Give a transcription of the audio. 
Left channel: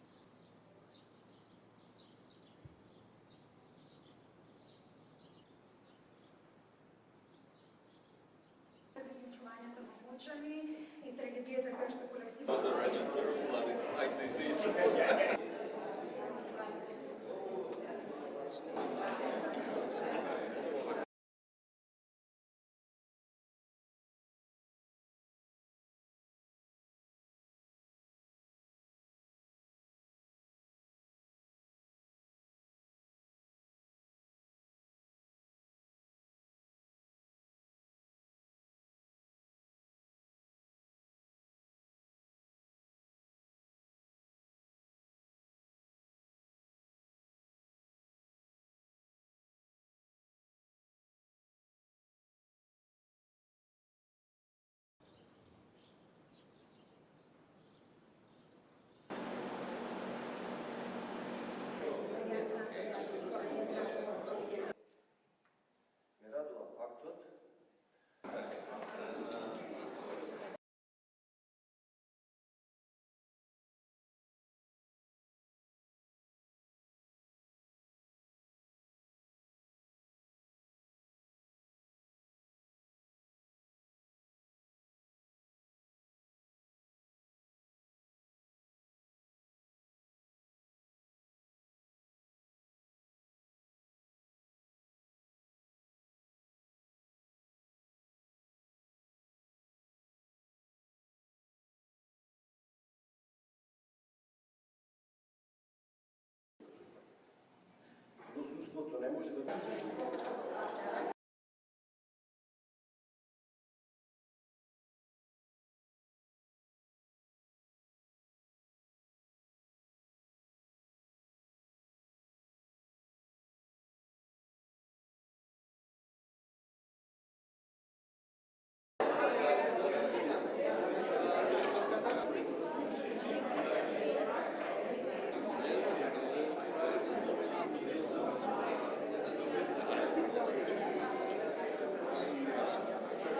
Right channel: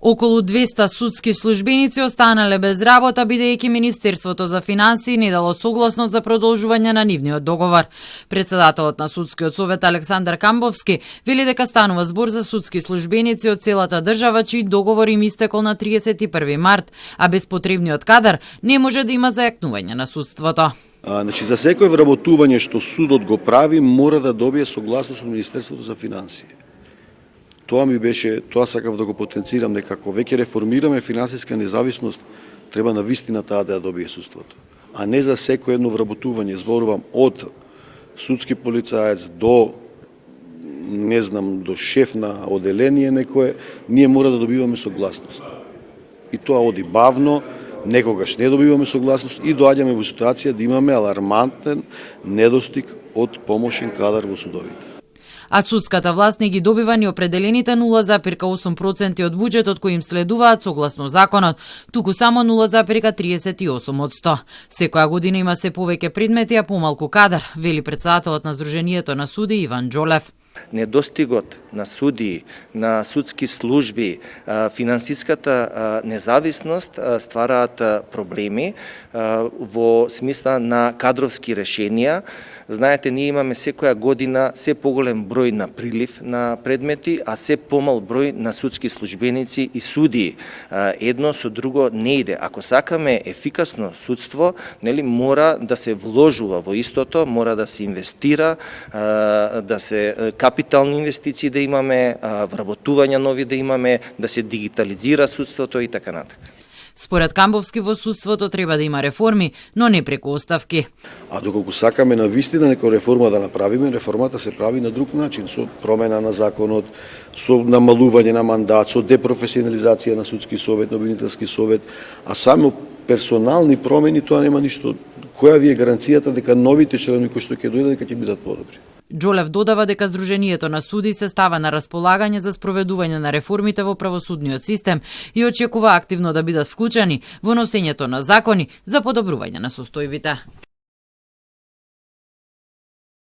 Околу 200 судски службеници останале без работа бидејќи Министерството за финансии не дало согласност за продолжување на нивниот договор. Председателот на Судскиот совет Александар Камбовски вели дека станува збор за судски службеници од целата држава чии договор им истекол на 31 март, а без потребниот кадар не може да има зајакнување на судството. Значи, за секој вработување што судот го прави, мора да добие согласност од Министерството за финансии. Тоа сакав да го потенцирам, дека ако веќе реформираме финансиска независност, треба на вистина таа да ја добие судството. А не за секој едно вработување, зборувам од судски полицаец до до шеф на оделение некое, ние мора да добиваме согласност. И тоа оди бавно, некогаш не добиваме согласност и доаѓаме во ситуација да имаме алармантен недостиг од помошен кадар во судовите. А судската власт не ги добива ни определените 0,8% од буџетот кој им следуваат согласно законот, туку само 0,38%. Секоја година има се повеќе предмети, а помалку кадар, вели председателот на Сдруженијето на суди Иван Џолев. Недостигот на суди, на судски служби, финансиската независност ствараат проблеми во смисла на кадровски решенија. Знаете, ние имаме секоја година се поголем број на прилив на предмети, а се помал број на судски службеници и судии. Едно со друго не иде. Ако сакаме ефикасно судство, мора да се вложува во истото, мора да се инвестира, да се капитални инвестиции да имаме, вработувања нови да имаме, да се дигитализира судството и така натаму. Според Камбовски во судството треба да има реформи, но не преку оставки. А доколку сакаме на вистина некоја реформа да направиме, реформата се прави на друг начин, со промена на законот, со намалување на мандат, со депрофесионализација на судски совет, на обвинителски совет, а само персонални промени тоа нема ништо. Која ви е гаранцијата дека новите членови кои што ќе дојдат дека ќе бидат подобри? Џолев додава дека Сдруженијето на суди се става на располагање за спроведување на реформите во правосудниот систем и очекува активно да бидат вклучени во носењето на закони за подобрување на состојбите.